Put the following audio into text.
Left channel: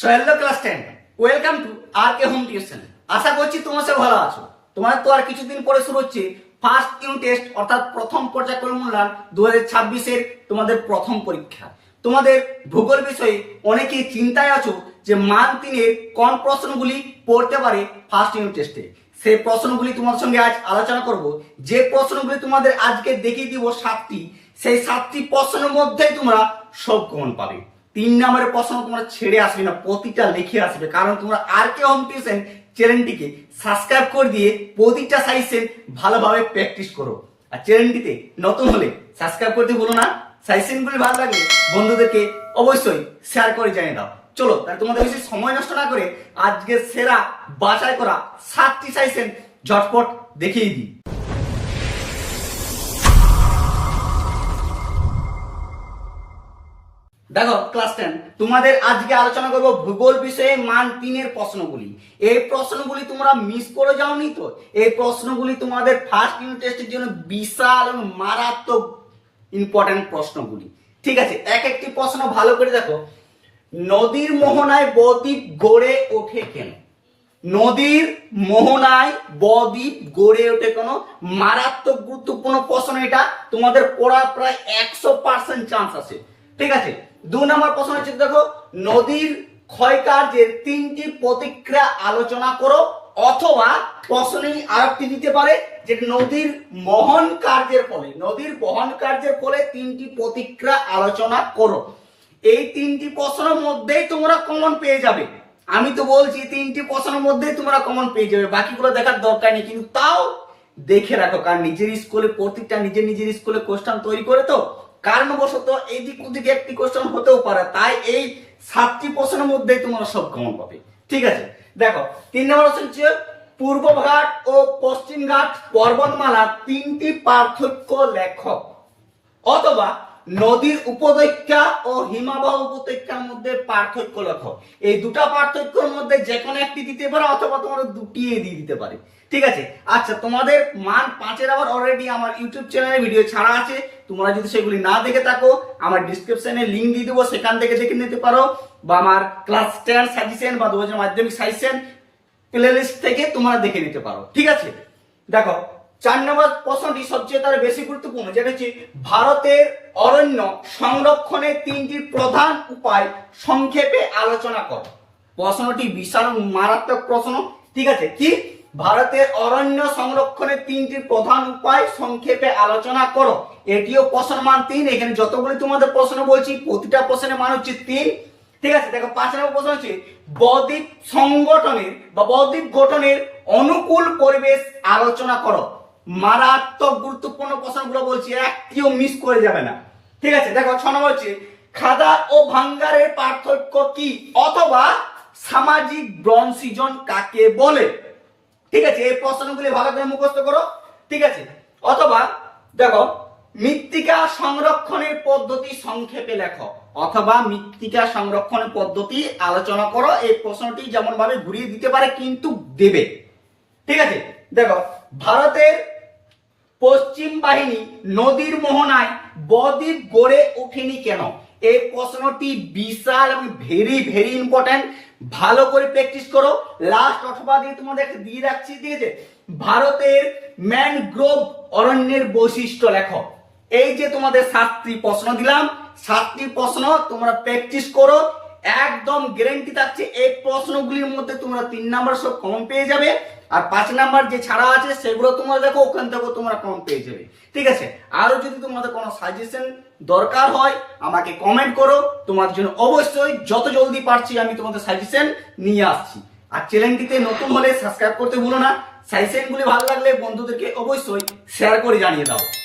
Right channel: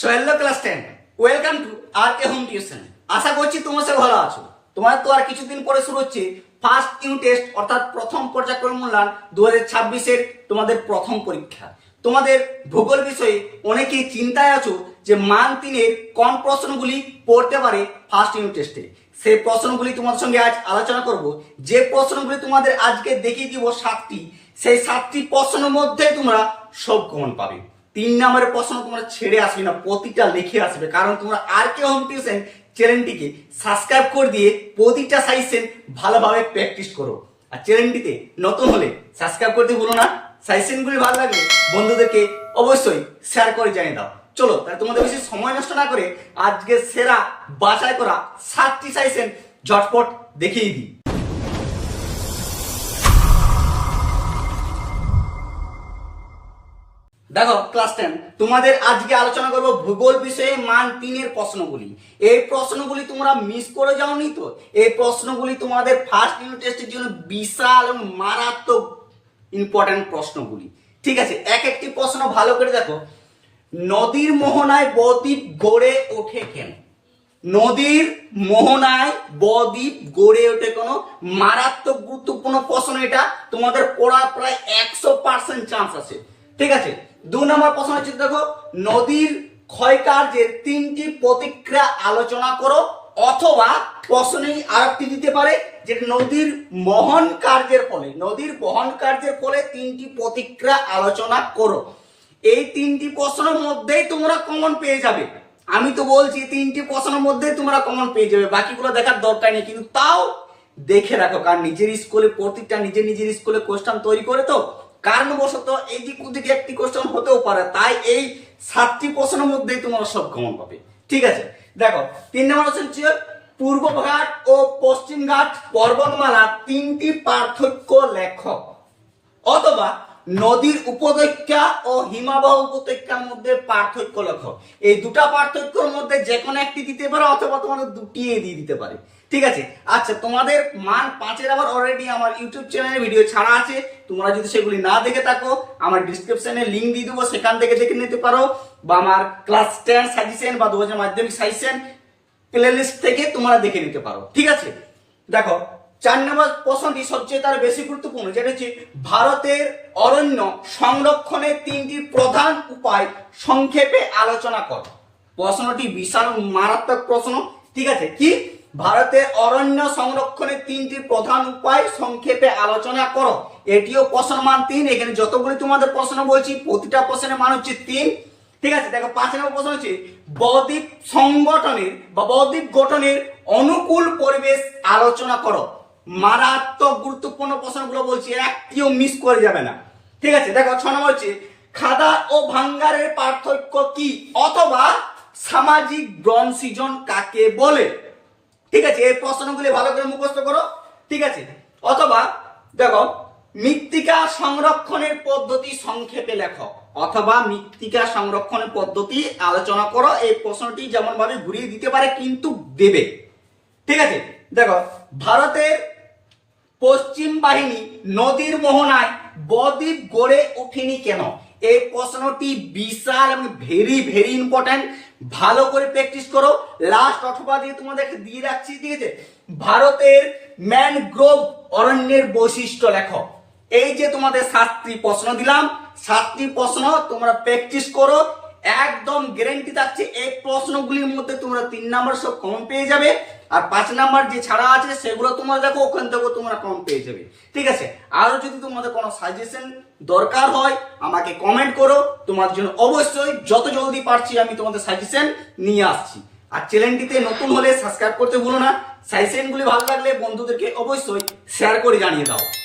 Hello class 10, welcome to R K home tuition. আশা করছি তোমরা সব ভালো আছো। তোমাদের তো আর কিছুদিন পরে শুরু হচ্ছে ফার্স্ট ইউনিট টেস্ট অর্থাৎ প্রথম পর্যায়ক্রম মূল্যায়ন 2026-এর তোমাদের প্রথম পরীক্ষা। তোমাদের ভূগোল বিষয়ে অনেকেই চিন্তায় আছো যে মান 3-এর কোন প্রশ্নগুলি পড়তে পারে ফার্স্ট ইউনিট টেস্টে। সেই প্রশ্নগুলি তোমাদের সঙ্গে আজ আলোচনা করব। যে প্রশ্নগুলি তোমাদের আজকে দেখিয়ে দিব 7টি, সেই 7টি প্রশ্নের মধ্যে তোমরা সব কমন পাবে। 3 নম্বরের প্রশ্ন তোমরা ছেড়ে আসবে না, প্রতিটা লিখে আসবে, কারণ তোমরা আর কে হোম টিউশন চ্যানেলটিকে সাবস্ক্রাইব করে দিয়ে প্রতিটা সাজেশন ভালোভাবে প্র্যাকটিস করো। আর চ্যানেলটিতে নতুন হলে সাবস্ক্রাইব করতে ভুলো না। সাজেশনগুলি ভালো লাগলে বন্ধুদেরকে অবশ্যই শেয়ার করে জানিয়ে দাও। চলো তাহলে তোমাদের বেশি সময় নষ্ট না করে আজকে সেরা বাছাই করা 7টি সাজেশন ঝটপট দেখিয়ে দিই। দেখো ক্লাস 10, তোমাদের আজকে আলোচনা করব ভূগোল বিষয়ে মান 3-এর প্রশ্নগুলি। এই প্রশ্নগুলি তোমরা মিস করে যাওনি তো? এই প্রশ্নগুলি তোমাদের ফার্স্ট ইউনিট টেস্টের জন্য বিশাল এবং মারাত্মক ইম্পর্টেন্ট প্রশ্নগুলি। ঠিক আছে, এক একটি প্রশ্ন ভালো করে দেখো। নদীর মোহনায় বদ্বীপ গড়ে ওঠে কেন? নদীর মোহনায় বদ্বীপ গড়ে ওঠে কেন? মারাত্মক গুরুত্বপূর্ণ প্রশ্ন এটা, তোমাদের পড়ার প্রায় 100% চান্স আছে। ঠিক আছে, 2 নম্বর প্রশ্ন হচ্ছে দেখো, নদীর ক্ষয়কার্যের 3টি প্রতিক্রিয়া আলোচনা করো, অথবা প্রশ্নেই আরেকটি দিতে পারে যে নদীর বহন কার্যের ফলে 3টি প্রতিক্রিয়া আলোচনা করো। এই 3টি প্রশ্নের মধ্যেই তোমরা কমন পেয়ে যাবে। আমি তো বলছি 3টি প্রশ্নের মধ্যেই তোমরা কমন পেয়ে যাবে, বাকিগুলো দেখার দরকার নেই, কিন্তু তাও দেখে রাখো, কারণ নিজের স্কুলে প্রত্যেকটা নিজের স্কুলে কোশ্চেন তৈরি করে তো কারণবশত এই দিক ওদিকে একটি কোশ্চেন হতেও পারে, তাই এই 7টি প্রশ্নের মধ্যেই তোমরা সব কমন পাবে। ঠিক আছে, দেখো 3 নম্বর হচ্ছে পূর্বঘাট ও পশ্চিমঘাট পর্বতমালা 3টি পার্থক্য লেখো, অথবা নদীর উপত্যকা ও হিমাবহ উপত্যকার মধ্যে পার্থক্য লেখো। এই দুটা পার্থক্যের মধ্যে যে কোনো একটি দিতে পারে, অথবা তোমাদের দুটিয়ে দিয়ে দিতে পারে। ঠিক আছে, আচ্ছা তোমাদের মান 5-এর আবার অলরেডি আমার ইউটিউব চ্যানেলে ভিডিও ছাড়া আছে, তোমরা যদি সেগুলি না দেখে থাকো আমার ডিসক্রিপশনে লিংক দিয়ে দেবো, সেখান থেকে দেখে নিতে পারো, বা আমার ক্লাস 10 সাজেশন বা 2000 মাধ্যমিক সাজেশন প্লেলিস্ট থেকে তোমরা দেখে নিতে পারো। ঠিক আছে, দেখো 4 নম্বর প্রশ্নটি সবচেয়ে তার বেশি গুরুত্বপূর্ণ, যেটা হচ্ছে ভারতের অরণ্য সংরক্ষণের 3টি প্রধান উপায় সংক্ষেপে আলোচনা করো। প্রশ্নটি বিশাল মারাত্মক প্রশ্ন। ঠিক আছে, কি ভারতের অরণ্য সংরক্ষণের 3টি প্রধান উপায় সংক্ষেপে আলোচনা করো। এটিও প্রশ্ন মান 3। এখানে যতগুলি তোমাদের প্রশ্ন বলছি প্রতিটা প্রশ্নের মান হচ্ছে 3। ঠিক আছে, দেখো 5 নম্বর প্রশ্ন হচ্ছে বদ্বীপ সংগঠনের বা বদ্বীপ গঠনের অনুকূল পরিবেশ আলোচনা করো। মারাত্মক গুরুত্বপূর্ণ প্রশ্নগুলো বলছি, একটিও মিস করে যাবে না। ঠিক আছে, দেখো 6 নম্বর হচ্ছে খাদার ও ভাঙ্গারের পার্থক্য কি, অথবা সামাজিক বন সৃজন কাকে বলে। ঠিক আছে, এই প্রশ্নগুলি ভালো করে মুখস্থ করো। ঠিক আছে, অথবা দেখো মৃত্তিকা সংরক্ষণের পদ্ধতি সংক্ষেপে লেখো, অথবা মৃত্তিকা সংরক্ষণের পদ্ধতি আলোচনা করো। এই প্রশ্নটি যেমন ভাবে ঘুরিয়ে দিতে পারে কিন্তু দেবে। ঠিক আছে, দেখো ভারতের পশ্চিম বাহিনী নদীর মোহনায় বদ্বীপ গড়ে ওঠেনি কেন? এই প্রশ্নটি বিশাল এবং ভেরি ইম্পর্টেন্ট, ভালো করে প্র্যাকটিস করো। লাস্ট অথবা দিয়ে তোমাদের দিয়ে রাখছি। ঠিক আছে, ভারতের ম্যানগ্রোভ অরণ্যের বৈশিষ্ট্য লেখো। এই যে তোমাদের 7টি প্রশ্ন দিলাম, 7টি প্রশ্ন তোমরা প্র্যাকটিস করো, একদম গ্যারান্টি থাকছে এই প্রশ্নগুলির মধ্যে তোমরা 3 নাম্বার সব কম পেয়ে যাবে, আর 5 নাম্বার যে ছাড়া আছে সেগুলো তোমরা দেখো, ওখান থেকে তোমরা কম পেয়ে যাবে। ঠিক আছে, আরো যদি তোমাদের কোনো সাজেশন দরকার হয় আমাকে কমেন্ট করো, তোমার জন্য অবশ্যই যত জলদি পারছি আমি তোমাদের সাজেশন নিয়ে আসছি। আর চ্যানেলটিতে নতুন হলে সাবস্ক্রাইব করতে ভুলো না। সাজেশনগুলি ভালো লাগলে বন্ধুদেরকে অবশ্যই শেয়ার করে জানিয়ে দাও।